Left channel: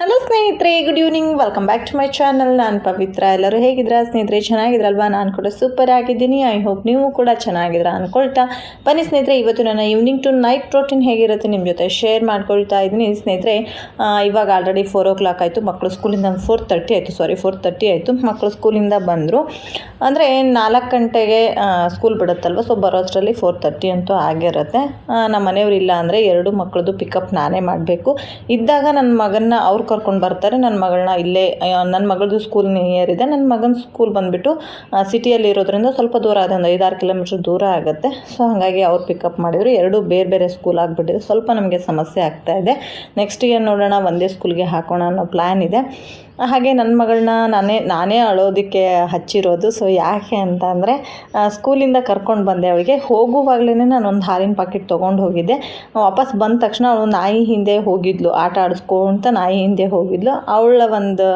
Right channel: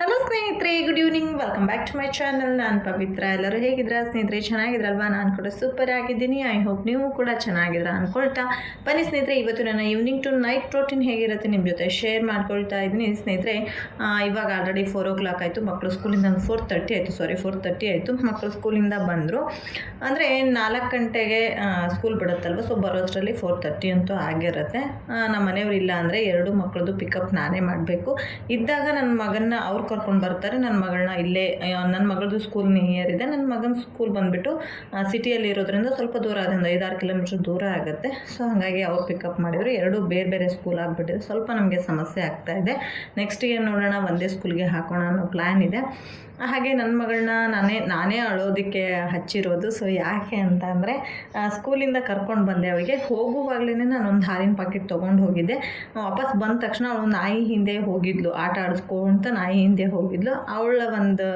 Hello ಸ್ನೇಹಿತರೆ good evening welcome back to my channel ನಾನು ಪವಿತ್ರ. ಎಲ್ಲರೂ ಹೇಗಿದ್ದೀರಾ? ಸ್ನೇಹಿತರೆ, ಚೆನ್ನಾಗಿದ್ರಲ್ವಾ? ನಾನು ಕೂಡ ಸೂಪರ್ ಆಗಿದ್ದೀನಿ. ಐ ಹೋಪ್ ನೀವು ಕೂಡ ಚೆನ್ನಾಗಿದ್ದೀರಾ ಅಂದ್ಕೊಳ್ತಾ ಬನ್ನಿ ಸ್ನೇಹಿತರೆ, ಇವತ್ತು ನನ್ನ ಈವ್ನಿಂಗ್ ಟು ನೈಟ್ ಪ್ರೋಟೀನ್ ಹೇಗಿರುತ್ತೆ ನಿಮ್ಮ ಜೊತೆ ಶೇರ್ ಮಾಡ್ಕೊಳ್ತಾ ಇದ್ದೀನಿ. ಸ್ನೇಹಿತರೆ ಇವಾಗ ಆಲ್ರೆಡಿ ಫೋರ್ ಓ ಕ್ಲಾಕ್ ಆಯಿತು ಮಕ್ಕಳು ಸ್ಕೂಲಿಂದ ಫೋರ್ ತರ್ಟಿ ಆಯಿತು. ಸಾರಿ ಫೋರ್ ತರ್ಟಿ ಆಯಿತು. ಮಕ್ಕಳು ಸ್ಕೂಲಿಂದ ಬಂದರು. ಅಂದರೆ ನಾಲ್ಕು ಗಂಟೆಗೆ ಸ್ಕೂಲ್ ಬಿಡುತ್ತಲ್ವ? ಸೊ ಬರೋಷ್ಟರಲ್ಲಿ ಫೋರ್ ತರ್ಟಿ ಅಂತೂ ಆಗಿರುತ್ತೆ. ನಮ್ಮ ಮನೆಯವ್ರು ಇಲ್ಲ ಅಂದರೆ ಎರಡು ಮಕ್ಕಳದು ಪಿಕಪ್ ನಾನೇ ಮಾಡಬೇಕು. ಇದ್ದಾಗ ನನ್ನ ಮಗನ ಅವ್ರು ಕರ್ಕೊಂಡು ಬರ್ತಾರೆ ನನ್ನ ಮಗಳನ್ನ ಇಲ್ಲೇ ನನ್ನ ಮಗಳದು ಸ್ಕೂಲ್ ನಿಯರ್ ಇದೆ ನನ್ನ ಮಗನ ಸ್ಕೂಲ್ ಬಂದುಬಿಟ್ಟು ಸಿಟಿಯಲ್ಲಿ ಇರೋದ್ರಿಂದ ಸ್ವಲ್ಪ ದೂರ ಆದ, ಒಂದು ಐದಾರು ಕಿಲೋಮೀಟ್ರ್ ದೂರ ಆಗುತ್ತೆ. ಸೊ ಹಾಗಾಗಿ ಅವ್ರು ಪಿಕಪ್ ಮಾಡಿದ್ರು. ಎರಡು ಬೇರೆ ಬೇರೆ ಸ್ಕೂಲ್ ಆಗಿಬಿಟ್ಟಿದೆ. ಸ್ವಲ್ಪ ನಮಗೆ ಸಮಸ್ಯೆ ಆಗ್ತಾ ಇದೆ. ನೆಕ್ಸ್ಟ್ ಏನು ನೋಡೋಣ, ಒಂದೇ ಸ್ಕೂಲ್ಗೆ ಹಾಕೋಣ ಅನ್ನೋ ಪ್ಲ್ಯಾನ್ ಇದೆ. ಹಾಗೆ ನನ್ನ ಮಗಳನ್ನ ನಾನೇ ನಾನೇ ಅಳೋದಕ್ಕೆ ಹಚ್ಚಿರೋದು. ಸೊ ಯಾಕೆ ಅಂತ ಅಂದರೆ ಸ್ಕೂಲಿಂದ ಕರ್ಕೊಂಡು ಬಂದೆ ಅವಳಿಗೆ. ಹೋಗುವಾಗಲೇ ಒಂದು ಹಾಲಿನ ಪಾಕೆಟ್ ತೊಗೊಂಡು ಹೋಗಿದ್ದೆ. ವಾಪಸ್ ಬಂದ ತಕ್ಷಣ ಅವಳು ನಾಯಿ ಹಿಂದೆ ಹೋಗಿದ್ಲು, ಆಟ ಆಡಿಸ್ಕೊಂತ ನಾಯಿ ಹಿಂದೆ ಹೋಗಿದ್ಲು. ಅವಳ ಒಂದು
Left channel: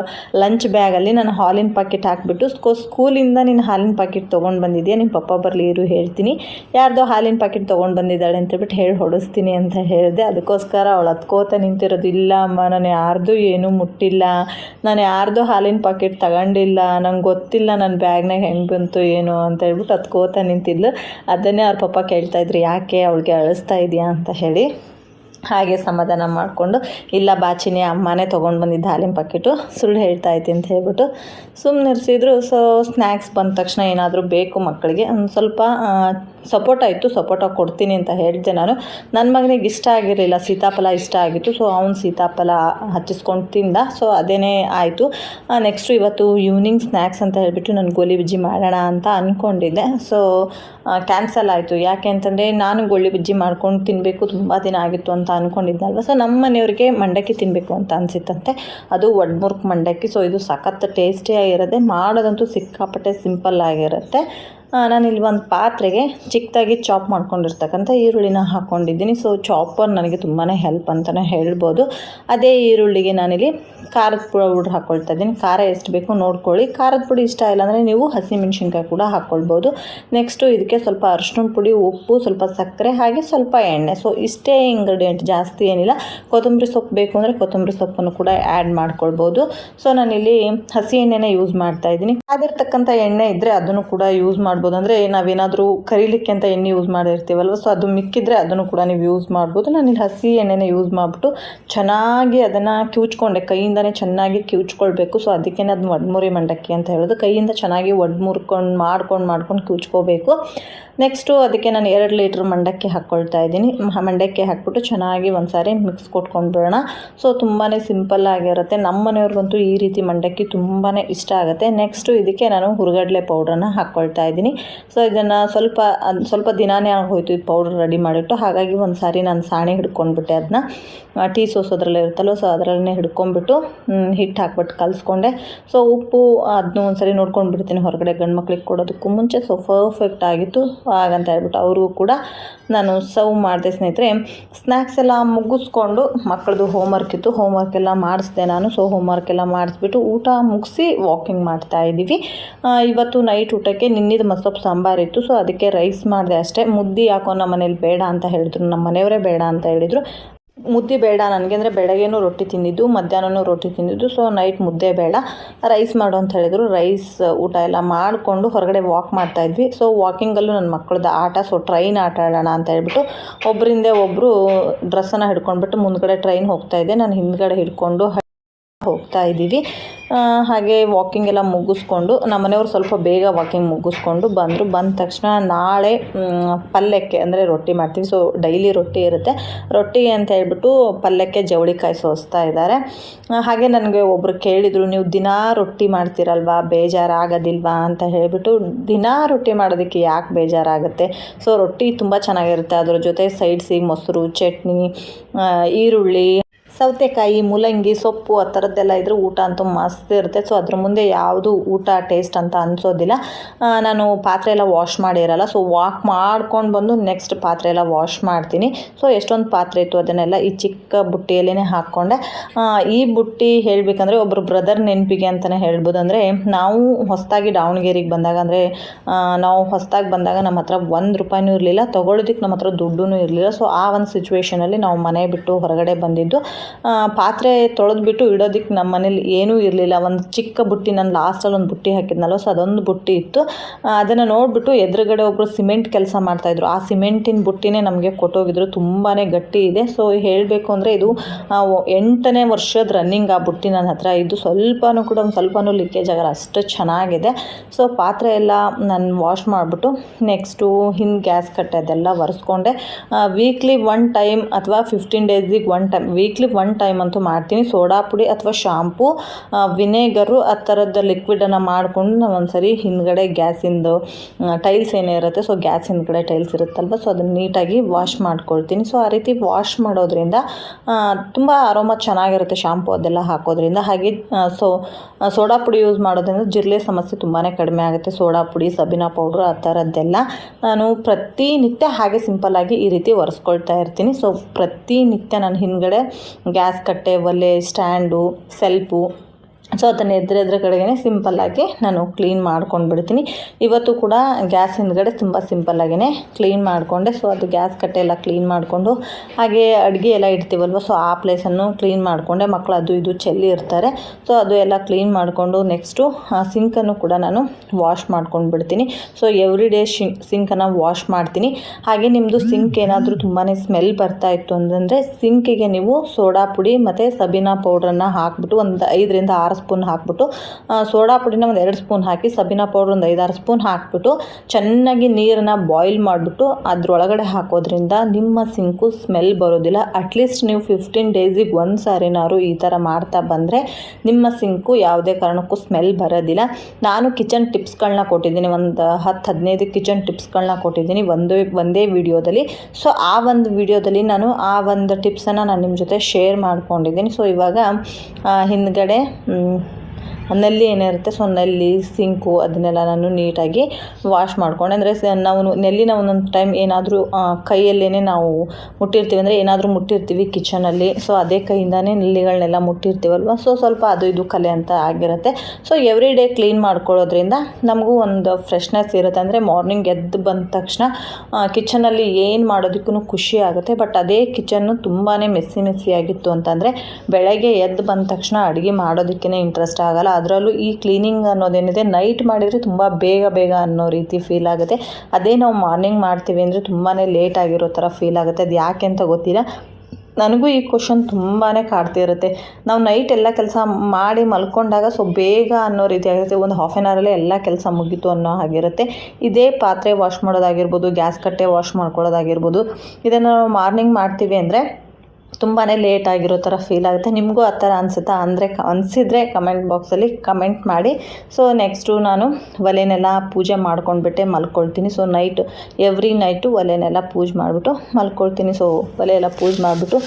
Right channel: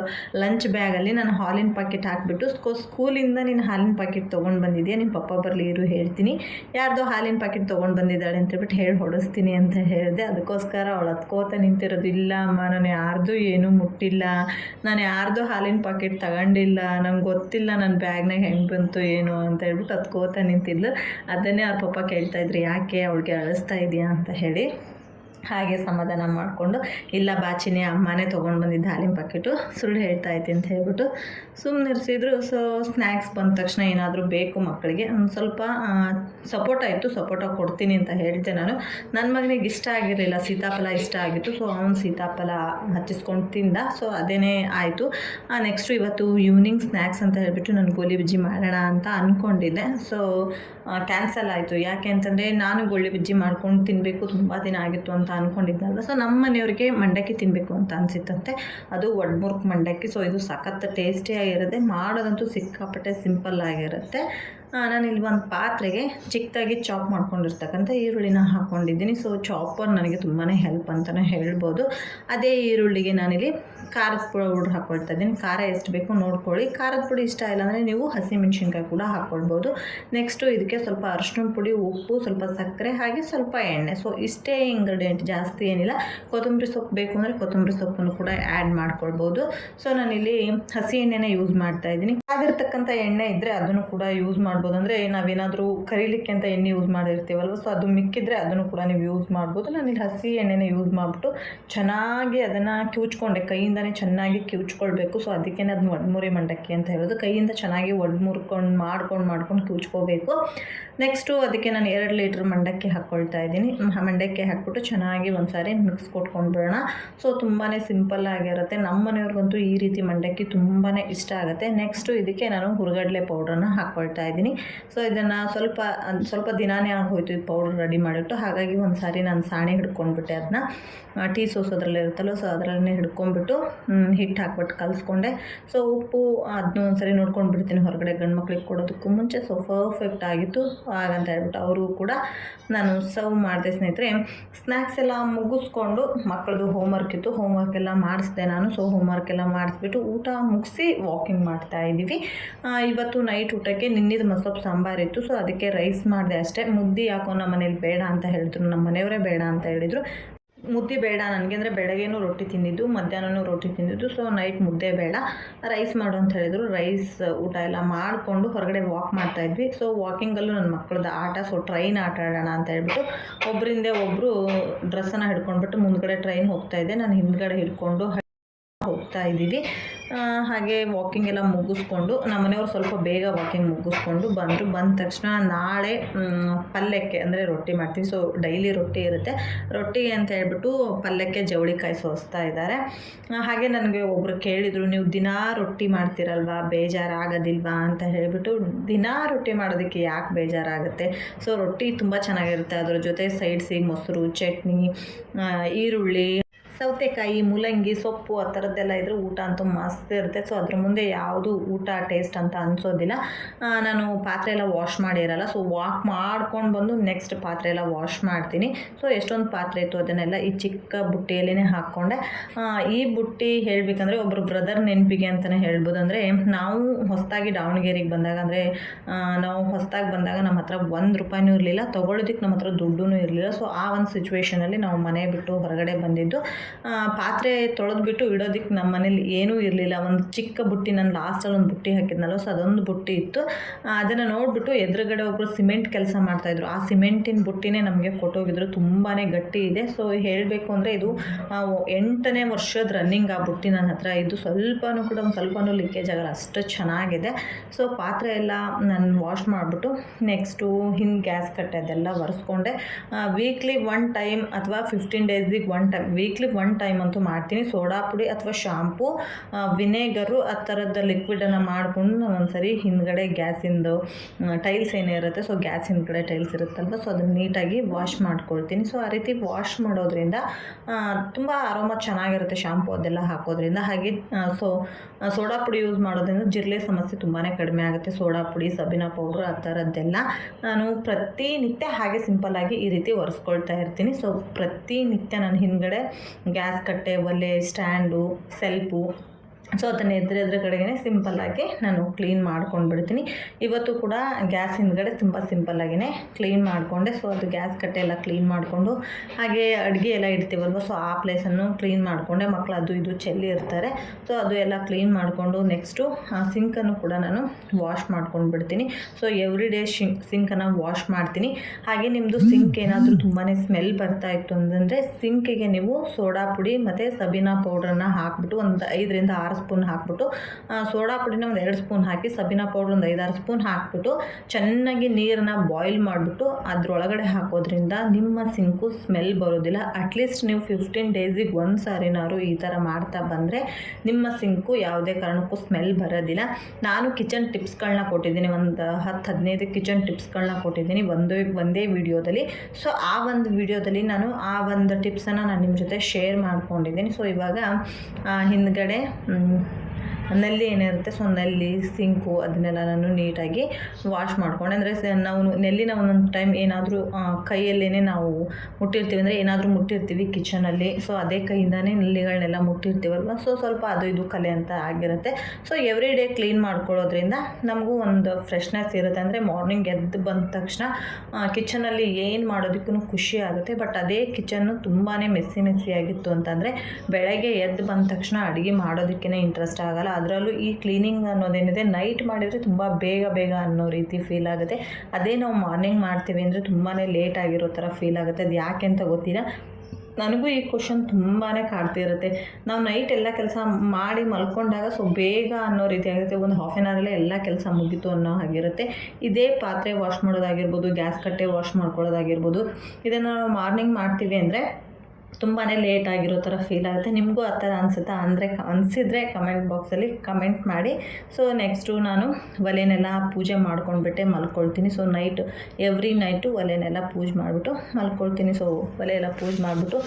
ಲಂಚ್ ಬ್ಯಾಗಲ್ಲಿ ನಾನು ಹಾಲಿನ ಪಾಕೆಟ್ ಹಾಕಿಬಿಟ್ಟು ಸ್ಕೋ, ಸ್ಕೂಲಿಂದ ನೀನು ಹಾಲಿನ ಪಾಕೆಟ್ ತೊಗೊಂಡು ಬಂದಿದ್ಯಾ? ನಿಮ್ಮ ಪಪ್ಪ ಬರಲಿ ಇರು ಹೇಳ್ತೀನಿ. ಯಾರ್ದೋ ಹಾಲಿನ ಪಾಕೆಟ್ ತೊಗೊಂಡು ಬಂದಿದ್ದಾಳೆ ಅಂತೇಳ್ಬಿಟ್ಟು ಹೇಳಿ ಹೊಡಿಸ್ತೀನಿ ಅಂತ ಹೇಳಿದೆ. ಅದಕ್ಕೋಸ್ಕರ ಅವಳು ಹತ್ಕೋತ ನಿಂತಿರೋದು ಇಲ್ಲ ಅಮ್ಮ. ನಾನು ಯಾರ್ದು ಏನೂ ಮುಟ್ಟಿಲ್ಲ. ನಾನು ಯಾರ್ದು ಹಾಲಿನ ಪಾಕೆಟ್ ತಗೊಂಡಿಲ್ಲ, ನಂಗೆ ಗೊತ್ತಿಲ್ಲ ನನ್ನ ಬ್ಯಾಗ್ನಾಗ ಹೆಂಗೆ ಬಂತು, ಏನು ಅಂತ ಹೇಳ್ಬಿಟ್ಟು ಹತ್ಕೋತ ನಿಂತಿದ್ಲು. ಅದನ್ನೇ ಅವ್ರ ಪಪ್ಪ ಕೇಳ್ತಾಯಿದ್ರು ಯಾಕೆ ಅವಳಿಗೆ ಅಳಿಸ್ತಾ ಇದೆಯಾ? ಅಂತ ಹೇಳಿ. ಹಾಗೆ ಸಮಾಧಾನ ಮಾಡಿಕೊಂಡು, ಇಲ್ಲ ಬಾಚಿನಿ, ಅಮ್ಮನೇ ತೊಗೊಂಡು ಬಂದಿದ್ದ ಹಾಲಿನ ಪಾಕೆಟು ಸುಳ್ಳು ಹೇಳ್ತಾ ಐತಿ ಅಂತ ಹೇಳ್ಬಿಟ್ಟು ಸುಮ್ಮನೆ ಇರಿಸಿದ್ರು. ಸೊ ಸ್ನ್ಯಾಕ್ಸ್ ಬಂದ ತಕ್ಷಣ ಏನಾದರೂ ಬೇಕು ಮಕ್ಕಳಿಗೆ. ಒಂದು ಸ್ವಲ್ಪ ಸಪೋಟ ಇತ್ತು ಸಪೋಟ ಕೊಡ್ತೀನಿ ಅಂತ ಹೇಳಿದ್ದೆ ನಾನು. ನನ್ನ ಮಗನಿಗೆ ಇಷ್ಟ ಆಗಿರಲಿಲ್ಲ. ಸೀತಾಫಲ ಇಷ್ಟ ಆಗಿತ್ತು. ಸೊ ಅವ್ನು ಸೀತಾಫಲ ಹಚ್ಚಿಸ್ಕೊಂಡು ತಿಂದ. ಸೊ ಅದೇನೇ ಆಯಿತು. ನೆಕ್ಸ್ಟು ಇವತ್ತು ಈವ್ನಿಂಗ್ ಸ್ನ್ಯಾಕ್ಸ್ ಅಂತ ಹೇಳಿಬಿಟ್ಟು ನಾನು ಗೋಲಿ ಬಜ್ಜಿ ಮಾಡೋಣ ಅಂತ ಅಂದ್ಕೊಂಡಿದ್ದೆ ಸೊ ಕ್ಯಾನ್ಸಲ್ ಆಯಿತು. ಯಾಕೆ ಅಂತಂದರೆ ನಾನು ಗೋಳಿ ಬಜ್ಜಿ ಮಾಡ್ಕೊಂಡು ತಿನ್ನಬೇಕು ತುಂಬ ದಿನ ಆಗಿತ್ತು ಅಂತ ಅಂದ್ಕೊಂಡಿದ್ದಲ್ವ ಸೊ ನಮ್ಮ ಮನೆಯವ್ರಿಗೆ ಮಂಡಕ್ಕಿ ತಿನ್ನಬೇಕು ಅಂತ ಅನಿಸಿತ್ತಂತೆ. ಅದು ಒಡ್ಮುರ್ಕ್ ಮಂಡಕ್ಕಿ. ಸೊ ಇದು ಸಖತ್ ಟೇಸ್ಟಿಯಾಗಿರುತ್ತೆ ಮಾಡೋದಂತೂ ಸಿಕ್ಕಾಪಟ್ಟೆ ಸಿಂಪಲ್ ಆಗಿರುತ್ತೆ. ನಾನಿಲ್ಲಿ ಒಂದು ಪಾತ್ರೆಗೆ ಚಿಕ್ಕದಾಗಿ ಚಾಪ್ ಮಾಡ್ಕೊಂಡಿರ್ತಕ್ಕಂಥ ಈರುಳ್ಳಿನ ಹಾಕ್ಕೊಂಡಿದ್ದೀನಿ ಸೊ ಚಾಪರ್ ನನಗೆ ತುಂಬಾ ಹೆಲ್ಪ್ ಅಂತಲೇ ಹೇಳ್ಬೋದು. ಅದೇ ಈರುಳ್ಳಿಗೆ ನಾನಿಲ್ಲಿ ಖಾರದ ಪೌಡ್ರ್ ಹಾಕ್ಕೊಳ್ತಾ ಇದ್ದೀನಿ. ಖಾರ ಎಷ್ಟು ಬೇಕು ನೋಡ್ಕೊಳ್ಳಿ. ಖಾರದ ಪುಡಿ ಇಷ್ಟ ಇಲ್ಲ ಅಂದರೆ ನೀವು ಹಸಿಮೆಣ್ಸಿನ್ಕಾಯಿ ಕೂಡ ಹಾಕ್ಕೊಳ್ಬೋದು ನೆಕ್ಸ್ಟು ಇದಕ್ಕೆ ಸ್ವಲ್ಪ ಅರಶಿನ ಪುಡಿ, ಉಪ್ಪು, ಸ್ವಲ್ಪ ಸಕ್ಕರೆ, ಹಾಗೆ ಸ್ವಲ್ಪ ಎಣ್ಣೆ. ಸೊ ಇಷ್ಟೇ ಇಂಗ್ರೀಡಿಯೆಂಟ್ ಜಾಸ್ತಿ ಏನಿಲ್ಲ. ಕೊತ್ತಂಬರಿ ಸೊಪ್ಪು ಬೇಕು ಅಂದರೆ ಕೊತ್ತಂಬರಿ ಸೊಪ್ಪನ್ನು ಕೂಡ ಆ್ಯಡ್ ಮಾಡ್ಕೊಳ್ಬೋದು. ಸೊ ನಾನಿಲ್ಲಿ ಹಸಿ ಎಣ್ಣೆನೇ ಯೂಸ್ ಮಾಡ್ತಾ ಇದ್ದೀನಿ. ಕಾದಿರ್ತಕ್ಕಂಥ ಎಣ್ಣೆ ಇದ್ದರೆ ಅದನ್ನು ಕೂಡ ಯೂಸ್ ಮಾಡ್ಬೋದು. ಅಂದರೆ ನಾವೇನಾದರೂ ಕರಿಲಿಕ್ಕೆ ಅಂತ ಎಣ್ಣೆ ಯೂಸ್ ಮಾಡಿರ್ತೀವಲ್ವ? ಸೊ ಅದು ಮಿಕ್ಕಿದ್ರೆ ಅದನ್ನು ಕೂಡ ನೀವು ಯೂಸ್ ಮಾಡ್ಬೋದು. ನಾನು ಇಲ್ಲಿ ಹಸಿ ಎಣ್ಣೆನೇ ಯೂಸ್ ಮಾಡಿಬಿಟ್ಟು ಚೆನ್ನಾಗಿ ಅದನ್ನು ಕಿವುಚ್ಕೊಂಡೆ. ಕೈಯಿಂದನೇ ಚೆನ್ನಾಗಿ ಕಿವುಚ್ಕೊಳ್ಬೇಕು. ಸೊ ಅದಕ್ಕೆ ಅದು ಒಡ್ಮುರಿ ಮಂಡಕ್ಕಿ ಅಂತ ಹೇಳೋದು. ಕೈಯಿಂದ ಚೆನ್ನಾಗಿ ಒಡ್ಮುರ್ಕೊಂಡು ಮಾಡ್ಕೊಂಡು ಮಾಡ್ಕೊಂಡು ಕಿವುಚ್ಕೋಬೇಕು. ನೆಕ್ಸ್ಟು ಅದಕ್ಕೆ ನಾನು ಎರಡು ಲೀಟ್ರ್ ಮಂಡಕ್ಕಿ ಹಾಕ್ಕೊಳ್ತಾ ಇದ್ದೀನಿ. ಮಂಡಕ್ಕಿ ಹಾಕ್ಬಿಟ್ಟು ಚೆನ್ನಾಗಿ ಒಂದು ಸಾರಿ ಮಿಕ್ಸ್ ಕೊಟ್ಕೊಂಡು ಬಿಡೋಣ ಸೊ ತುಂಬಾ ಸಿಂಪಲ್ ಆಗಿರುತ್ತೆ. ನಮ್ಮ ಮನೆಯವ್ರಿಗಂತೂ ಈ ರೀತಿ ಮಂಡಕ್ಕಿ ತುಂಬಾ ಇಷ್ಟ ಆಗುತ್ತೆ. ನೆಕ್ಸ್ಟು ಇದಕ್ಕೆ ನಾನು ಹುರುಗಡ್ಲೆ ಪೌಡ್ರನ್ನ ಹಾಕ್ಕೊಳ್ತಾ ಇದ್ದೀನಿ. ಸೊ ಇದನ್ನು ಸ್ವಲ್ಪ ಸ್ವಲ್ಪ ದಿನಾನೇ ಆಗೋಯ್ತು ಇದು ಪೌಡ್ರ್ ರೆಡಿ ಮಾಡಿಟ್ಟು. ಹಾಗಾಗಿ ಒಂದು ಸಾರಿ ನಾನು ಸಾಣೆ ಹಿಡ್ಕೊಂಡ್ಬಿಟ್ಟೆ ಅದನ್ನ ಟೀ ಸೋಸೋದ್ರಲ್ಲೇ ಇರುತ್ತಲ್ಲ ಸೊ ಅದರಲ್ಲೇ ಹಿಡ್ಕೊಂಡ್ಬಿಟ್ಟು ಹಿಟ್ಟು ಹಾಕ್ಬಿಟ್ಟು ಕಲಿಸ್ಕೊಂಡೆ. ಸೊ ಉಪ್ಪು ಅದನ್ನೂ ಒಂದು ಸರಿ ನೋಡ್ಕೊಂಡು ಹೊರಗಡೆ ಗಂಡು ಮಕ್ಳಿಗೆ ಕೊಡೋದಕ್ಕೂ ಮುಂಚೆ. ಸೊ ಪರ್ಫೆಕ್ಟ್ ಆಗಿತ್ತು. ಹಾಗಂತ ಹೇಳ್ಬಿಟ್ಟು ಅವರು ಕೂಡ ನಾನು ಸರ್ವ್ ಮಾಡಿದೆ ಸ್ನೇಹಿತರೆ. ಸ್ನ್ಯಾಕ್ಸ್ ಎಲ್ಲ ಮುಗಿಸ್ಕೊಂಡು ಮಕ್ಕಳದು ಹೋಮ್ವರ್ಕ್ ಇತ್ತು. ಹೋಮ್ವರ್ಕ್ ಎಲ್ಲ ಮಾಡಿಸ್ದೆ ನಾನು. ಸೊ ಹೋಮ್ವರ್ಕ್ ಎಲ್ಲ ಮಾಡಿಸ್ಬಿಟ್ಟು ಊಟ ಮುಗಿಸಿ ವಾಕಿಂಗ್ ಮಾಡ್ತಾ ಇದ್ದೀವಿ ಇವತ್ತು ನೈಟ್ ಊಟಕ್ಕೆ ನಿನ್ನಿದ ಮಸೊಪ್ಪು ಸಾಂಬಾರಿತ್ತು ಸೊ ಅದಕ್ಕೆ ರೈಸ್ ಮಾಡಿದೆ ಅಷ್ಟೇ. ಮುದ್ದೆ ಯಾಕೋ ನಮ್ಮ ಮನೇಲಿ ಬೇಡ ಅಂತ ಹೇಳಿದ್ರು. ನಮ್ಮ ಮನೆಯವರೇ ಬೇಡ ಅಂತ ಹೇಳಿದರು. ಮುದ್ದೆ ಬೇಡ ನನಗೆ ಅಂದರೆ ಬೆಳಗ್ಗೆನೂ ರೊಟ್ಟಿ ತಿಂದಿದ್ದು, ಮಧ್ಯಾಹ್ನನೂ ರೊಟ್ಟಿ ತಿಂದಿದ್ದು. ಸೊ ನೈಟ್ ಮುದ್ದೆ ಬೇಡ. ರೈಸ್ ಮಾಡು ಅಂತ ಹೇಳಿದರು. ರೈಸ್ ಊಟ ಎಲ್ಲ ಮಾಡಿಕೊಂಡು ಹೊರಗಡೆ ವಾಕ್ ಮಾಡ್ತಾ ಇದ್ವಿ. ಸೊ ವಾಕಿಂಗಲ್ಲೂ ನನ್ನ ಮಕ್ಕಳದ್ದು ಆಟ. ಸೊ ಟ್ರೈನ್ ಆಟ ಆಡೋಣ ಅಂತ ಹೇಳ್ಬಿಟ್ಟು ಒಬ್ಬರಿಂದ ಒಬ್ಬರು ಡ್ರೆಸ್ಸನ್ನು ಹಿಡ್ಕೊಂಡ್ಬಿಟ್ಟು ಮುಂದ್ಗಡೆ ಟ್ರೈನ್ ಹೋಗ್ತಾ ಇದೆ ನಾನು ಹಿಂದ್ಗಡೆ ಹಿಡ್ಕೊಂಡು ಹೋಗ್ತಾ ಇದ್ದೀವಿ. ಹಾಗೆ ವಾಕಿಂಗ್ ಎಲ್ಲ ಮುಗಿಸ್ಕೊಂಡು ನಮ್ಮ ಮನೆಯವ್ರು ಸ್ವಲ್ಪ ಬೇಗ ವಾಕಿಂಗ್ ಮುಗಿಸ್ಕೊಂಡು ಬಂದರು. ಬಂದ ತಕ್ಷಣ ನಾಳೆ ಪಲ್ಯಕ್ಕೆ ಅಂದರೆ ರೊಟ್ಟಿ ಮಾಡ್ತೀವಿ. ಸೊ ಡೈಲಿ ರೊಟ್ಟಿ ಇರುತ್ತೆ. ರೊಟ್ಟಿ ಅಂತ ಹೇಳ್ಬಿಟ್ಟು ಪಲ್ಯಕ್ಕೆ ಜವಳಿಕಾಯಿ ಸೋಸ್ತಾ ಇದ್ದಾರೆ. ಹಾಗೆ ನನಗೆ ಒಬ್ಬರು ಕೇಳಿದರು, ನೀವು ದಿನಾ ರೊಟ್ಟಿ ಮಾಡ್ತೀರಲ್ವಾ? ಬೇಜಾರಾಗೋದಿಲ್ವಾ? ಅಂತ ಹೇಳಿಬಿಟ್ಟು, ದಿನಾ ರೊಟ್ಟಿ ಮಾಡೋದಕ್ಕೆ ಯಾಕೆ ಬೇಜಾರಾಗುತ್ತೆ? ಸೊ ರೊಟ್ಟಿ ತುಂಬ ಚೆನ್ನಾಗಿರುತ್ತೆ. ಅದರ ಜೊತೆ ಸೈಡ್ಸಿಗೆ ಮೊಸರು, ಚಟ್ನಿ ಈರುಳ್ಳಿ ಸೌತೆಕಾಯಿ, ಮೂಲಂಗಿ, ಸೊಪ್ಪು ಆ ಥರದ್ದೆಲ್ಲ ಇದ್ದರೆ ಊಟ ಅಂತೂ ಮಸ್ತ್ ಇರುತ್ತೆ. ಸೊ ಅದ್ರ ಮುಂದೆ ಯಾವುದು ಊಟ ಟೇಸ್ಟ್ ಅಂತ ಅನಿಸೋದಿಲ್ಲ. ನಾನು ಪಾತ್ರೆ ಎಲ್ಲ ವಾಶ್ ಮಾಡಿರಲ್ಲ ಸೊ ವಾಕ್ ಮಾಡ್ಕೊಂಡು ಬಂದು ನೆಕ್ಸ್ಟ್ ಪಾತ್ರೆ ಎಲ್ಲ ವಾಶ್ ಮಾಡ್ತೀನಿ. ಸೊ ಎಷ್ಟೊಂದು ಪಾತ್ರೆ ಇತ್ತು ಅದನ್ನೆಲ್ಲ ಈ ಚಿಕ್ಕ ಬುಟ್ಟಿಯಲ್ಲೇ ಹಾಕ್ಕೊಂಡೆ. ಈ ಬುಟ್ಟಿ ಹೇಳಬೇಕಂದ್ರೆ ಒಬ್ಬರು ಬ್ರದರ್ ನೆನಪಿಗೆ ಅಂತಲೇ ಹೇಳ್ಬೋದು. ಅಂದರೆ ನಾವು ಹೊಸದಾಗಿ ದಾವಣಗೆರೆಗೆ ಬಂದಾಗ ಅಂದರೆ ನಾವು ಹೊಸದಾಗಿ ಬಂದಾಗ ನಮ್ಮ ಹತ್ರ ಒಂದು ರೂಪಾಯಿನೂ ಇರಲಿಲ್ಲ. ತೊಗೊಳೋದಕ್ಕೆ ನಮ್ಮ ಹತ್ರ ದುಡ್ಡೂ ಇರಲಿಲ್ಲ. ಸೊ ಆ ಒಂದು ಸಿಚುವೇಷನಲ್ಲಿ ನಾವು ಮನೆ ಬಿಟ್ಟು ಹೊರಗಡೆ ಬಂದಿದ್ದು. ಪಾತ್ರೆ ತೊಳೆದ್ಬಿಟ್ಟು ಇಡೋದಕ್ಕೆ ನಮ್ಮ ಮನೇಲಿ ಏನೂ ಇರಲಿಲ್ಲ. ಒಂದು ಚಿಕ್ಕ ಬುಟ್ಟಿ, ನಾನು ಲಾಸ್ಟಲ್ಲಿ ಒಂದು ಬುಟ್ಟಿ ಹಾಕಿದ್ನಲ್ಲ ಸೊ ಅದೊಂದು ಬುಟ್ಟಿ ಇತ್ತು. ಅದನ್ನು ನೋಡಿಬಿಟ್ಟು ಎದುರುಗಡೆ ಒಬ್ಬರು ಸಿಮೆಂಟ್ ಕೆಲಸ ಮಾಡ್ತಾಯಿದ್ರು ಆ ಸಿಮೆಂಟಿನ ಬುಟ್ಟಿನೇ ನಮಗೆ ಕೊಟ್ಟೋಗಿದ್ರು. ತುಂಬಾ ಗಟ್ಟಿ ಇದೆ. ಸೊ ಹೇಳಬೇಕು ಅಂದರೆ ಇದು ಎಂಟನೇ ವರ್ಷದ ರನ್ನಿಂಗ್ ಆ ಬುಟ್ಟಿ ನನ್ನ ಹತ್ರ ಇದ್ದು. ಸ್ವಲ್ಪನೂ ಕೂಡ, ಒಂದು ಸ್ವಲ್ಪನೂ ಲೀಕೇಜ್ ಆಗಲ್ಲ. ಅಷ್ಟು ಚೆನ್ನಾಗಿದೆ. ಸೊ ಪಾತ್ರೆ ಎಲ್ಲ ನಾನು ವಾಶ್ ಮಾಡಿಬಿಟ್ಟು ನೆಕ್ಸ್ಟು ಹಿಂದೆ ಗ್ಯಾಸ್ ಕಟ್ಟೆ ಅದೆಲ್ಲ ಒರೆಸ್ಕೊಂಡೆ ವೀಕ್ಲಿ ಒನ್ ಟೈಮ್ ಅಥವಾ fifteen ಡೇಸಿಗೆ one time weekly one time ಅಂತೂ ಮಾಡ್ತೀನಿ. ಸೋಡಾ ಪುಡಿ ಅಥವಾ ಶಾಂಪು ವಿನೇಗರು ಆ ಥರದ ಲಿಕ್ವಿಡನ್ನು ಮಾಡಿಕೊಂಡು ನಾನು ಒಂದ್ಸರಿ ಹಿಂದ್ಗಡೆ ಗ್ಯಾಸಿಂದು ಟೈಲ್ಸ್ ಏನೇ ಇರುತ್ತೆ ಸೊ ಗ್ಯಾಸ್ ಹಿಂದ್ಗಡೆ ಟೈಲ್ಸ್ ಇರುತ್ತಲ್ವ ಸೊ ಅದನ್ನು ನೀಟಾಗಿ ವಾಶ್ ಮಾಡ್ಕೊಳ್ತೀನಿ. ಸೊ ಆ ರೀತಿ ವಾಶ್ ಮಾಡೋದ್ರಿಂದ ತುಂಬ ಅರೋಮ ಚೆನ್ನಾಗಿರುತ್ತೆ ಶಾಂಪು ಅದೆಲ್ಲ ಹಾಕೋದ್ರಿಂದ. ಹಾಗೆ ಸೊ ಸೋಡಾ ಪುಡಿ ಯೂಸ್ ಮಾಡೋದ್ರಿಂದ ಜಿರಲೆ ಸಮಸ್ಯೆ ತುಂಬಾ ಕಡಿಮೆ ಆಗುತ್ತೆ. ಸೋಡಾ ಪುಡಿ, ಸಬಿನಾ ಪೌಡ್ರು ಆ ಥರದ್ದೆಲ್ಲ ನಾನು ಪ್ರತಿನಿತ್ಯ ಹಾಗೆ ಸಿಂಪಲ್ಲಾಗಿ ಈ ರೀತಿ ಒರೆಸ್ಕೊಳ್ತಾ ಇರ್ತೀನಿ. ಸೊ ಪ್ರತಿನಿತ್ಯ ನಾನು ಹಿಂದ್ಗಡೆ ಗ್ಯಾಸ್ ಕಟ್ಟೆ ಒಲೆ ಸ್ಟ್ಯಾಂಡು ಸೆಲ್ಫು ಸೊ ಅದನ್ನು ಎದುರೆದ್ರ ಕಡೆಗೆ ಸಿಂಪಲ್ಲಾಗಿ ನಾನು ಕ್ಲೀನ್ ಮಾಡ್ಕೊಂಡು ಬಿಡ್ತೀನಿ ಇವತ್ತು ಕೂಡ ಗ್ಯಾಸ್ ಹಿಂದ್ಗಡೆ ತುಂಬ ಸಿಂಪಲ್ಲಾಗೇ ಕ್ಲೀನ್ ಮಾಡಿಕೊಂಡೆ. ಸೊ ಅದು ಗ್ಯಾಸ್ ಕಟ್ಟೆ ಎಲ್ಲ ಕ್ಲೀನ್ ಮಾಡಿಕೊಂಡು ಹಾಗೆ ಅಡುಗೆ ಎಲ್ಲ ಇಡ್ತೀವಲ್ವ ಸೊ ಆ ಪ್ಲೇಸನ್ನು ಕ್ಲೀನ್ ಮಾಡಿಕೊಂಡೆ. ಮಕ್ಕಳು ಅದು ಇದು ಚೆಲ್ಲಿ ಇರ್ತಾರೆ. ಸೊ ಅದು ಎಲ್ಲ ಕ್ಲೀನ್ ಮಾಡಿಕೊಂಡು ನೆಕ್ಸ್ಟು ಸಿಂಕನ್ನು ಕೂಡ ನಾನು ವಾಶ್ ಮಾಡ್ಕೊಂಡು ಬಿಡ್ತೀನಿ ಸೊ ಎವ್ರಿ ಡೇ ಸಿಂಕನ್ನು ವಾಶ್ ಮಾಡ್ತೀನಿ. ಹಾಗೆ ನಿಮ್ಮದು ಸಿಂಕ್ ಏನಾದರೂ ತುಂಬಾ ಸ್ಮೆಲ್ ಬರ್ತಾ ಇತ್ತು ಅಂತಂದರೆ ಸಿಂಕಿಗೆ ನೀವು ಸೋಡಾ ಪುಡಿ ಮತ್ತು ಸಬೀನಾ ಪೌಡ್ರನ್ನು ಹಾಕ್ಬಿಟ್ಟು ಒಂದು ಐದರಿಂದ ಆರು ಸ್ಪೂನ್ ಹಾಕ್ಬಿಟ್ಟು ಸೋಡಾ ಪುಡಿನ ಒಂದು ಎರಡು ಸ್ಪೂನ್ ಹಾಕಿ, ಸಬೀನಾ ಪೌಡ್ರ್ ಒಂದು ಐದಾರು ಸ್ಪೂನ್ ಹಾಕ್ಬಿಟ್ಟು, ಚೆನ್ನಾಗಿ ನೀರನ್ನು ಬಾಯ್ಲ್ ಮಾಡಿಬಿಟ್ಟು ಅದರೊಳಗಡೆ ಹಾಕೋದ್ರಿಂದ ನಿಮ್ಮ ಸಿಂಕು ಸ್ಮೆಲ್ ಬರೋದಿಲ್ಲ. ಅಟ್ಲೀಸ್ಟ್ ನೀವು ಫಿಫ್ಟೀನ್ ಡೇಸಿಗೆ ಒಂದು ಸಾರಿನಾರು ಈ ಥರ ಮಾಡ್ತಾ ಬಂದರೆ ನಿಮ್ಮ ಸಿಂಕು ಯಾವುದೇ ಕಾರಣಕ್ಕೂ ಸ್ಮೆಲ್ ಬರೋದಿಲ್ಲ. ನಾನು ಕಿಚನ್ ಟಿಪ್ಸ್ಗಳನ್ನ ಕೊಟ್ಟಿದ್ದೀನಿ, ಒಂದು ಹತ್ತು ಹದಿನೈದು ಕಿಚನ್ ಟಿಪ್ಸ್ಗಳನ್ನ ಕೊಟ್ಟಿದ್ದೀನಿ ಒಂದು, ಒಂದೇ ವಿಡಿಯೋದಲ್ಲಿ. ಸೊ ಆ ಒಂದು ವಿಡಿಯೋದಲ್ಲಿ ನಾನು ಆ ಒಂದು ಟಿಪ್ಸನ್ನು ನಾನು ನಿಮ್ಮ ಜೊತೆ ಶೇರ್ ಮಾಡ್ಕೊಂಡಿದ್ದೀನಿ. ಸೊ ಇವಾಗ ಹಿಂದ್ಗಡೆ ಮ್, ನಲ್ಲಿ ಏನಿರುತ್ತೆ? ಸೊ ನಲ್ಲಿ ಸಿಂಕು ಅದನ್ನೆಲ್ಲ ನಾನು ನೀಟಾಗಿ ವಾಶ್ ಮಾಡ್ಕೊಂಡೆ. ಅಂದರೆ ನಾವು ನೆಲ್ಲಿನ ಒಂದೊಂದು ಟೈಮ್ ಏನಾದರೂ ಕೈಯಲ್ಲೇ ನಾವು ಮುಟ್ಟಿರ್ತೀವಿ. ಅಂದರೆ, ಏನಾದರೂ ಮುಟ್ಟಿರ್ತೀವಿ ಕಿಚನಲ್ಲಿ ಸೊ ಅದೇ ಕೈಯಿಂದನೇ ನಲ್ಲಿಗಳನ್ನೆಲ್ಲ ಮುಟ್ಟಿರ್ತೀವಲ್ವ? ಸೊ ಸ್ವಲ್ಪ ಅದು ಇದು ಕಲೆ ಅಂತ ಆಗಿರುತ್ತೆ. ಸೊ ಎವ್ರಿ ಡೇ ಕ್ಲೀನ್ ಮಾಡ್ಕೊಳ್ಳೋದ್ರಿಂದ ನಮಗೂ ಒಂದು ಫ್ರೆಶ್ನೆಸ್ ಇರುತ್ತೆ. ಅಂದರೆ ಮಾರ್ನಿಂಗ್ ಎದ್ದು ಬಂದ ತಕ್ಷಣ ಕಿಚನಲ್ಲಿ ಏನು ಮಾಡೋದಕ್ಕೂ ಖುಷಿ ಆಗುತ್ತೆ. ಬಟ್ ಅದೇ ಕಿಚನ್ನು ತುಂಬಾ ಮೆಸ್ಸಿ ಮೆಸ್ಸಿಯಾಗಿತ್ತು ಅಂತಂದರೆ, ಬೆಳಗ್ಗೆ ಎದ್ದು ಬಂದ ತಕ್ಷಣ ಅಡುಗೆ ಮಾಡೋದಕ್ಕೇ ಇಂಟ್ರೆಸ್ಟ್ ಆಗಲ್ಲ. ಅದರಲ್ಲೂ ಈ ಕ್ಲೀನಿಂಗ್ ಅನ್ನೋದೇನಿದೆ ನೈಟ್ ಮಾಡಿದರೆ ತುಂಬ ಬೇಗ ಬೇಗ ಅನ್ನೋ ರೀತಿ ಫೀಲ್ ಆಗುತ್ತೆ. ಅದೇ ನಾವು ಮಾರ್ನಿಂಗ್ ಮಾಡ್ತೀವಿ ಅಂದರೆ ತುಂಬಾ ಲೇಟ್ ಆಗಿರೋ ಥರ ಫೀಲ್ ಆಗುತ್ತೆ. ಅದು ಯಾಕೆ ಅಂತ ಗೊತ್ತಿಲ್ಲ. ನನಗೂ ಈ ಕ್ವಶನ್ ತುಂಬಾ ಕಾಡ್ತಿರುತ್ತೆ ನಾವು ನೈಟ್ ಎಲ್ಲ ಕೆಲಸ ಮಾಡಿ ಮಲ್ಕೊಂಡಾಗ ಸೊ ಬೇಗ ಅನ್ನೋ ರೀತಿ ಆಗಿರುತ್ತೆ. ಒಂದು ಹಾಫ್ ಆನ್ ಅವರಲ್ಲೇ ಎಲ್ಲ ಕೆಲಸ ಮುಗೀತು ಅನ್ನೋ ಹಾಗಿರುತ್ತೆ. ಇದೇ ಪಾತ್ರೆ ವಾಶ್ ಮಾಡೋದಾಗಿರ್ಬೋದು ಗ್ಯಾಸ್ ಕಟ್ಟೆ ವಾಶ್ ಮಾಡ್ಕೊಳ್ಳೋದಾಗಿರ್ಬೋದು. ಇದನ್ನು ನಾವು ಮಾರ್ನಿಂಗ್ ಮಾಡ್ತೀವಿ ಅಂದರೆ ತುಂಬಾ ಆಗಿರೋ ಥರ ಫೀಲ್ ಆಗುತ್ತೆ. ನಿಮಗೂ ಆ ಥರ ಅನಿಸುತ್ತಾ? ಅಂದರೆ ಅನಿಸಿದರೆ ಕಮೆಂಟ್ ಬಾಕ್ಸಲ್ಲಿ ಕಮೆಂಟ್ ಮಾಡಿ. ಸೊ, ನೆಕ್ಸ್ಟು ನಾನು ಒಲೆನೆಲ್ಲ ಪೂಜೆ ಮಾಡ್ಕೊಂಡ್ಬಿಟ್ಟೆ ಮಲ್ಕೊಳ್ತೀನಿ. ಸೊ, ನೈಟ್, ಎವ್ರಿ ನೈಟು ಒಲೆನೆಲ್ಲ ಪೂಜೆ ಮಾಡಿಬಿಟ್ಟು ಮಲ್ಕೊಳ್ತೀನಿ. ಸೊ ಒಲೆ ಎಲ್ಲ ಪೂಜೆ ಮಾಡಿಬಿಟ್ಟು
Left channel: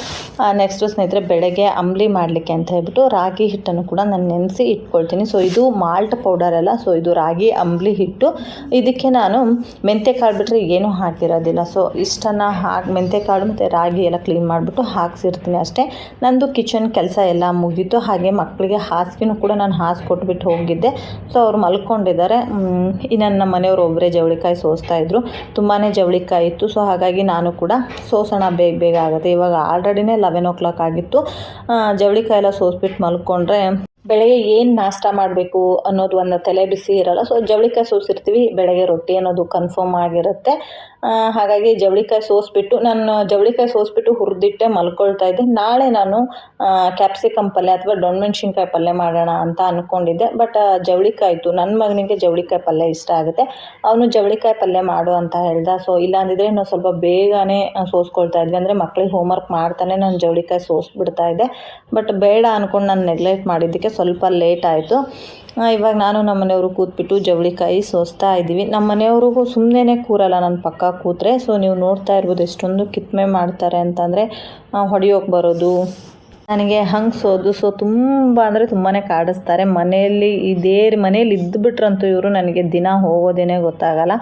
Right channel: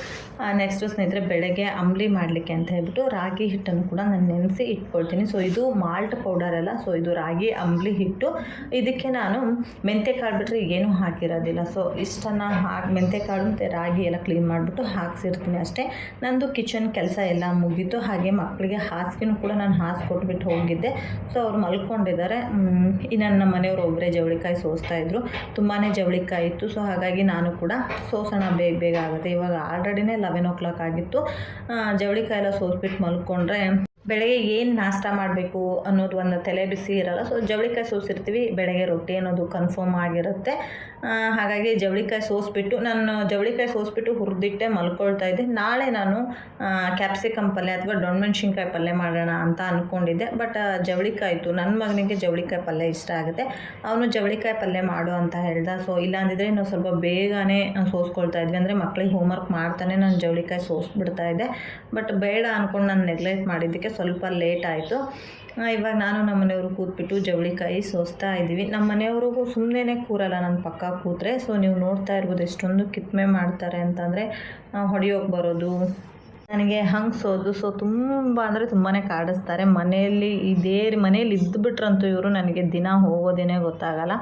ನೆಕ್ಸ್ಟು ಸ್ನೇಹಿತರೆ ಬೆಳಗ್ಗೆ ಅಂಬ್ಲಿ ಮಾಡಲಿಕ್ಕೆ ಅಂತ ಹೇಳ್ಬಿಟ್ಟು ರಾಗಿ ಹಿಟ್ಟನ್ನು ಕೂಡ ನಾನು ನೆನೆಸಿ ಇಟ್ಕೊಳ್ತೀನಿ. ಸೊ, ಇದು ಮಾಲ್ಟ್ ಪೌಡರ್ ಅಲ್ಲ. ಸೊ, ಇದು ರಾಗಿ ಅಂಬ್ಲಿ ಹಿಟ್ಟು. ಇದಕ್ಕೆ ನಾನು ಮೆಂತ್ಯ ಕಾಳು ಬಿಟ್ಟರೆ ಏನೂ ಹಾಕಿರೋದಿಲ್ಲ. ಸೊ, ಇಷ್ಟನ್ನು ಹಾಕಿ ಮೆಂತ್ಯಕಾಳು ಮತ್ತು ರಾಗಿ ಎಲ್ಲ ಕ್ಲೀನ್ ಮಾಡಿಬಿಟ್ಟು ಹಾಕ್ಸಿರ್ತೀನಿ ಅಷ್ಟೇ. ನಂದು ಕಿಚನ್ ಕೆಲಸ ಎಲ್ಲ ಮುಗೀತು. ಹಾಗೆ ಮಕ್ಕಳಿಗೆ ಹಾಸಿಗೆನೂ ಕೂಡ ನಾನು ಹಾಸ್ಕೊಟ್ಬಿಟ್ಟು ಹೋಗಿದ್ದೆ. ಸೊ ಅವ್ರು ಮಲ್ಕೊಂಡಿದ್ದಾರೆ. ಇನ್ನು ನಮ್ಮ ಮನೆಯವರು ಒಬ್ಬರೇ ಜವಳಿಕಾಯಿ ಸೋಸ್ತಾ ಇದ್ದರು ತುಂಬಾ ಜವಳಿಕಾಯಿ ಇತ್ತು. ಸೊ ಹಾಗಾಗಿ ನಾನು ಕೂಡ ಸೋಸೋಣ ಬೇಗ ಬೇಗ ಆಗುತ್ತೆ. ಇವಾಗ ಆಲ್ರೆಡಿನೇ ಲೆವೆನ್ ಓ ಕ್ಲಾಕ್ ಆಗಿತ್ತು. ಜವಳಿಕಾಯಿ ಎಲ್ಲ ಸೋಸ್ಬಿಟ್ಟು ಮಲ್ಕೊಂಡ್ರೆ ಬೆಳಗ್ಗೆ ಏನು ನಾಷ್ಟ ಮಾಡಬೇಕು ಅನ್ನೋದು ಒಂದು ತಲೆ ಬಿಸಿ ಇರಲ್ಲ. ಸೊ ಜವಳಿಕಾಯಿ ಸೋಸಿರ್ತೀವಿ ಬೆಳಗ್ಗೆ ರೊಟ್ಟಿ ಅನ್ನೋದು ಕನ್ಫರ್ಮ್ ಆಗಿರುತ್ತೆ. ಹಾಗಾಗಿ ಜವಳಿಕಾಯಿ ಸೋಸ್ಬಿಟ್ಟು ನಾನು ಜವಳಿಕಾಯಿ ಸೋಸ್ಬಿಟ್ಟು ಹುರಿದಿಟ್ಟೆ, ಮಲ್ಕೊಳ್ತಾ ಇದ್ದೆ. ನಾಳೆ ನಾನು ಕ್ಯಾಪ್ಸಿಕಮ್ ಪಲ್ಯ ಅಥವಾ ದೊಣ್ಣಮೆಣ್ಸಿನ್ಕಾಯಿ ಪಲ್ಯ ಮಾಡೋಣ ಅಂತ ಅಂದ್ಕೊಂಡಿದ್ದೆ ಬಟ್ ಜವಳಿಕಾಯಿ ಇತ್ತು ನನ್ನ ಮಗನಿಗೆ ಜವಳಿಕಾಯಿ ಪಲ್ಯ ಇಷ್ಟ ಆಗುತ್ತೆ. ಅವನು ಜವಳಿಕಾಯಿ ಪಲ್ಯ ಮಾಡು ಅಂತ ಹೇಳ್ದ. ಸೊ ಇಲ್ಲ ಅಂದಿದ್ರೆ ನಾವು ಸ್ವಲ್ಪ ಬೇಗನೆ ಸೋಸ್ಕೊಳ್ತಾ ಇದ್ವಿ. ಅಂದರೆ ಮಕ್ಕಳಿಗೆ ಹೋಮ್ವರ್ಕ್ ಮಾಡ್ತಾನೆ ನಾನು ಜವಳಿಕಾಯಿ ಸೋಸ್ಬಿಡ್ತಾ ಇದ್ದೆ. ಬಟ್ ಬೇಡ ಅಂದ್ಕೊಂಡು ನಾನು ನೆಗ್ಲೆಕ್ಟ್ ಮಾಡಿದ್ದಕ್ಕೆ ಸ್ವಲ್ಪ ಲೇಟ್ ಆಯಿತು. ಇವಾಗ ನಾನು ನಮ್ಮ ಮನೆಯವರು ಕೂತ್ಬಿಟ್ಟು ಜವಳಿಕಾಯಿ ಸೋಸ್ತಾ ಇದ್ದೀವಿ. ನಮ್ಮ ಮನೆಯವ್ರಿಗೂ ಸುಮ್ಮನೆ ಕೂರಲ್ಲ ನನ್ನ ಪಕ್ಕ ಕೂತ್ರೆ. ಸೊ ನೀವು ನೋಡ್ತಾ ಇರ್ಬೋದು ಎಷ್ಟೊಂದು ಕಿತ್ಮೆ ಮಾಡ್ತಾರೆ ಅಂತಂದರೆ ಹೊಡಿಯೋಕೆ ಬರೋದು ನನಗೆ ಹಂಗೆ ಸೋದು ಸೊ ತುಂಬ ಅಂದರೆ ತುಂಬಾ ಕಾಡಿಸ್ತಾರೆ. ಮನೆಯಲ್ಲಿ ಇದೇ ಮನೇಲಿ ಇದ್ದುಬಿಟ್ರಂತೂ ಇವರು ನನಗೆ ದಿನ ಹೋಗೋದೇನೆ ಗೊತ್ತಾಗಲ್ಲ.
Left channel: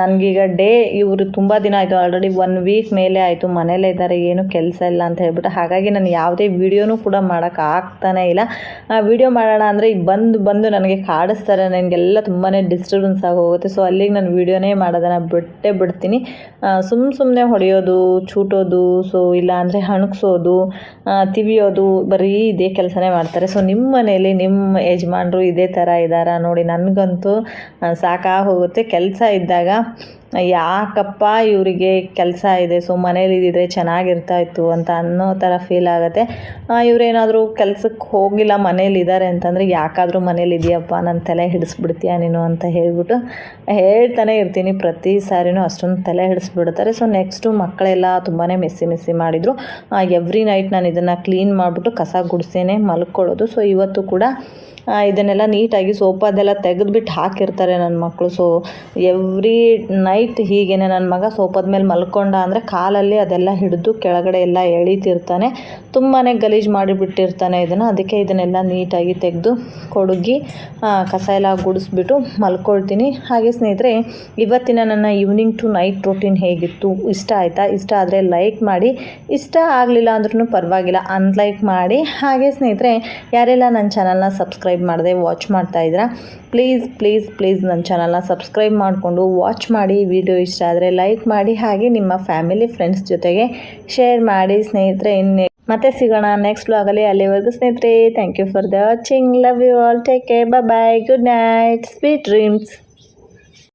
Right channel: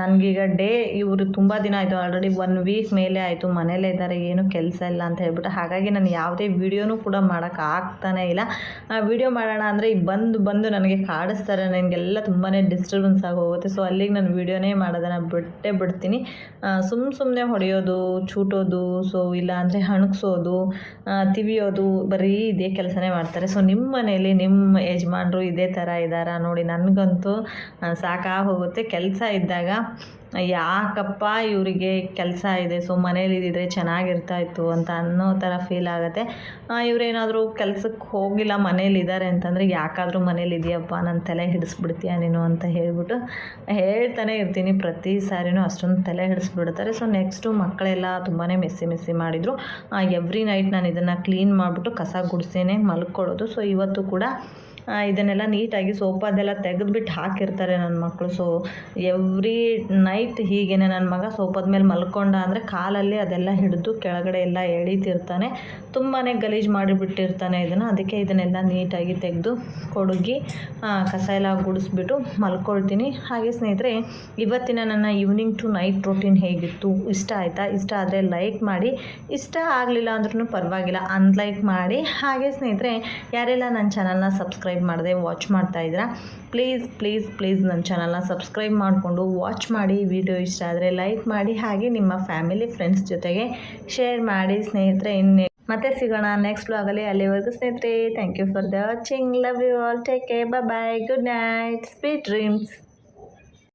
ನನಗೀಗ ಡೇ ಇವರು ತುಂಬ ದಿನ ಆಯಿತು. ಆಲ್ರೆಡಿ ಒನ್ ವೀಕ್ ಮೇಲೆ ಆಯಿತು. ಮನೇಲೇ ಇದ್ದಾರೆ. ಏನು ಕೆಲಸ ಇಲ್ಲ ಅಂತ ಹೇಳ್ಬಿಟ್ಟು. ಹಾಗಾಗಿ ನಾನು ಯಾವುದೇ ವೀಡಿಯೋನೂ ಕೂಡ ಮಾಡೋಕ್ಕೆ ಆಗ್ತಾನೇ ಇಲ್ಲ. ವೀಡಿಯೋ ಮಾಡೋಣ ಅಂದರೆ ಬಂದು ಬಂದು ನನಗೆ ಕಾಡಿಸ್ತಾರೆ. ನನಗೆಲ್ಲ ತುಂಬಾ ಡಿಸ್ಟರ್ಬೆನ್ಸ್ ಆಗೋಗುತ್ತೆ ಸೊ ಅಲ್ಲಿಗೆ ನಾನು ವೀಡಿಯೋನೇ ಮಾಡೋದನ್ನು ಬಿಟ್ಟೇ ಬಿಡ್ತೀನಿ. ಸುಮ್ಮ ಸುಮ್ಮನೆ ಹೊಡೆಯೋದು, ಚೂಟೋದು ಸೊ ಇಲ್ಲ ಅಂದರೆ ಹಣಗ್ಸೋದು ಅಂತೀವಿ, ಅದು ಬರೀ ಇದೇ ಕೆಲಸನೇ ಮಾಡ್ತಾರೆ. ಸೊ ನಿಮ್ಮ ಮನೇಲಿ ನಿಮ್ಮ ಯಜಮಾನರು ಇದೇ ಥರ ಇದ್ದಾರಾ ನೋಡಿ, ನನಗಂತೂ ಸಾಕಾಗೋಗುತ್ತೆ. ಕೆಲಸ ಇದ್ದಾಗ ಯಾಕಪ್ಪ ಇವರಿಗೆ ಕೆಲಸ ಇದೆ, ಸೊ ಮನೇಲಿ ಚೆನ್ನಾಗಿರ್ತಾ ಇತ್ತು ಅಂತ ಅನ್ನೋ ಥರ ಫೀಲ್ ಆಗುತ್ತೆ. ಇವರೇನಾದರೂ ಕೆಲಸಕ್ಕೆ ಹೋಗಿಲ್ಲ, ಮನೇಲಿ ಇದ್ದಾರೆ ಅಂತಂದರೆ ಯಾಕಾದರೂ ಮನೇಲಿ ಇದೆಯಪ್ಪ ನನ್ನ ತಲೆ ಹಿಡಿಸ್ಬಿಡ್ತೀಯ ನೀನು ಅಂತ ಹೇಳ್ಬಿಟ್ಟು ಹೇಳ್ತಾನೆ ಇರ್ತೀನಿ. ಪ್ರತಿ ಸಾರಿನೂ ಅಷ್ಟೊಂದು ತಲೆ ಹಿಡಿಸ್ಬಿಡ್ತಾರೆ. ಸೊ ನೆಕ್ಸ್ಟು ಮಕ್ಕಳೆಲ್ಲ ತುಂಬಾ ಮೆಸ್ಸಿ ಮೆಸ್ಸಿ ಮಾಡಿದರು. ಎವ್ರಿ ನೈಟ್ ನಾನು ಇದನ್ನು ಕ್ಲೀನ್ ಮಾಡಿಬಿಟ್ಟು ಕಸ ಗುಡಿಸೇನೆ ಮಲ್ಕೊಳ್ಳೋದು. ಸೊ ಇವತ್ತು ಕೂಡ ಇದನ್ನೆಲ್ಲ ನೀಟಾಗಿ ಸೋಫಾದೆಲ್ಲ ತೆಗೆದುಬಿಟ್ಟು ಹಾಕಿರ್ತಾರೆ ನನ್ನ ಮಕ್ಕಳು ಸೊ ಎವ್ರಿ ನೈಟ್ ಹೀಗೇನೆ ನನ್ನ ಮಗ ಸೋಫಾದ ಮೇಲೆ ಮಲ್ಕೊಂಡ ಅಂದರೆ ಕಾಲಲ್ಲಿ ಅದೆಲ್ಲ ಹಿಡಿದು ಕೆಳಗಡೆ ಎಲ್ಲ ಎಳಿತಿರ್ತಾನೆ. ತುಂಬಾ ಗಲೀಜು ಮಾಡಿಬಿಟ್ಟಿರ್ತಾನೆ ಇದನ್ನು. ಅದಕ್ಕೆ ಇದನ್ನೆಲ್ಲ ನೀಟಾಗಿ ತೆಗೆದು ಕೊಡುಗಿ ಕಸ ಎಲ್ಲ ಗುಡಿಸ್ಬಿಟ್ಟು ಮಲ್ಕೊಳ್ತೀನಿ. ಹಾಗೆ ಸ್ನೇಹಿತರೆ, ಇವತ್ತಿನ ನನ್ನ ಈವ್ನಿಂಗ್ ಟು ನೈಟ್ ರೂಟೀನ್ ಹೇಗಿತ್ತು? ಇಷ್ಟ ಆಯಿತಾ? ಇಷ್ಟ ಆದರೆ ಲೈಕ್ ಮಾಡಿ. ಇಷ್ಟ ಆಗಲಿಲ್ಲ ಅಂದ್ರೂ ಪರವಾಗಿಲ್ಲ. ಅನ್ಲೈಕ್ ಮಾಡಿ. ಹಾಗೆ ಸ್ನೇಹಿತರೆ, ಯಾರೆಲ್ಲ ನನ್ನ ಚಾನಲ್ನ ಸಬ್ಸ್ಕ್ರೈಬ್ ಮಾಡದೆ ವಾಚ್ ಮಾಡ್ತಾ ಇದ್ದೀರಾ ಪ್ಲೀಸ್ ಪ್ಲೀಸ್ ಪ್ಲೀಸ್ ನನ್ನ ಚಾನಲ್ನ ಸಬ್ಸ್ಕ್ರೈಬ್ ಮಾಡಿಕೊಂಡು ವಾಚ್ ಮಾಡಿ ವಿಡಿಯೋ ಇಷ್ಟ ಆದರೆ ಲೈಕ್ ಮಾಡಿ, ಹಾಗೆ ನಿಮ್ಮ ಫ್ಯಾಮಿಲಿ ಫ್ರೆಂಡ್ಸ್ ಜೊತೆಗೆ ಶೇರ್ ಮಾಡಿ ಸ್ನೇಹಿತರೆ, ಇನ್ನು ಮತ್ತೆ ಸಿಗೋಣ ನೆಕ್ಸ್ಟ್ ಬ್ಲಾಗಲ್ಲಿ ಅಲ್ಲಿವರೆಗೂ ಸ್ನೇಹಿತರೆ thank you for the watching love you all take care bye good night sweet dreams